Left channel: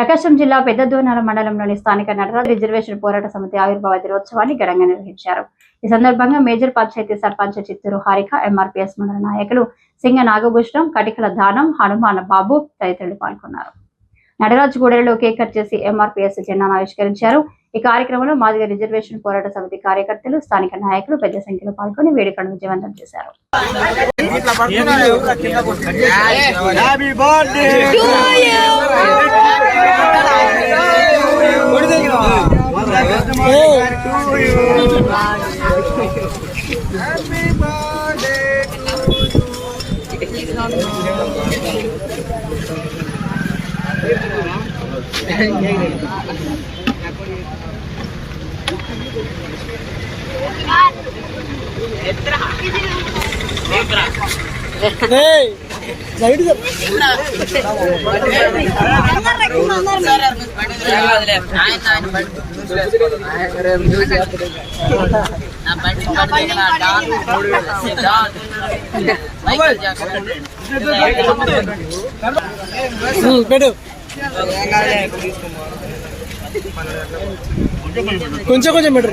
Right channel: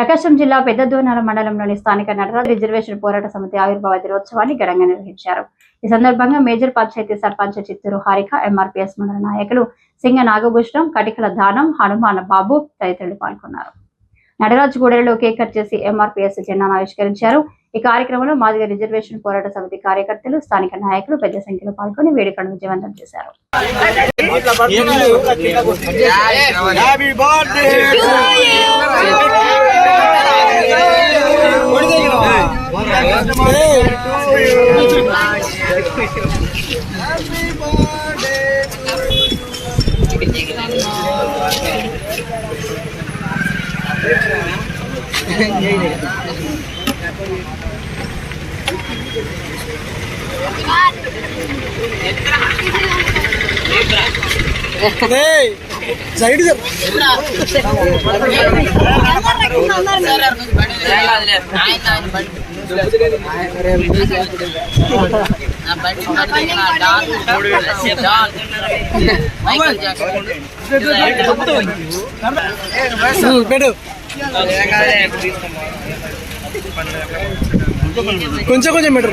ప్రకాశం జిల్లా పెద్దదోనాల మండలంలోని స్థానిక నటరాజ్ రిజర్వేషన్ పోరాట సమితి ఆవిర్భావ దినోత్సవాన్ని ఘనంగా నిర్వహించారు. ఈ సందర్భంగా మేజర్ పంచాయతీ సర్పంచ్ చిత్తూరు హారిక, ఎంఆర్పీఎస్ మండల నాయకులు సింగ నాగభూషణం, కటికల దానం, హనుమాన బాబు తదితరులు పాల్గొన్నారు. నటరాజ్ గూడెలలో కేక్ కట్ చేసి ఎంఆర్పీఎస్ జెండాను ఆవిష్కరించారు. ఈ కార్యక్రమంలో మాదిగ రిజర్వేషన్ పోరాట సమితి కార్యకర్తలు, స్థానిక నాయకులు పెద్ద సంఖ్యలో పాల్గొని వేడుకలను విజయవంతం చేశారు. సైడ్ పెట్టు కొంచెం కొంచెం పెట్టు.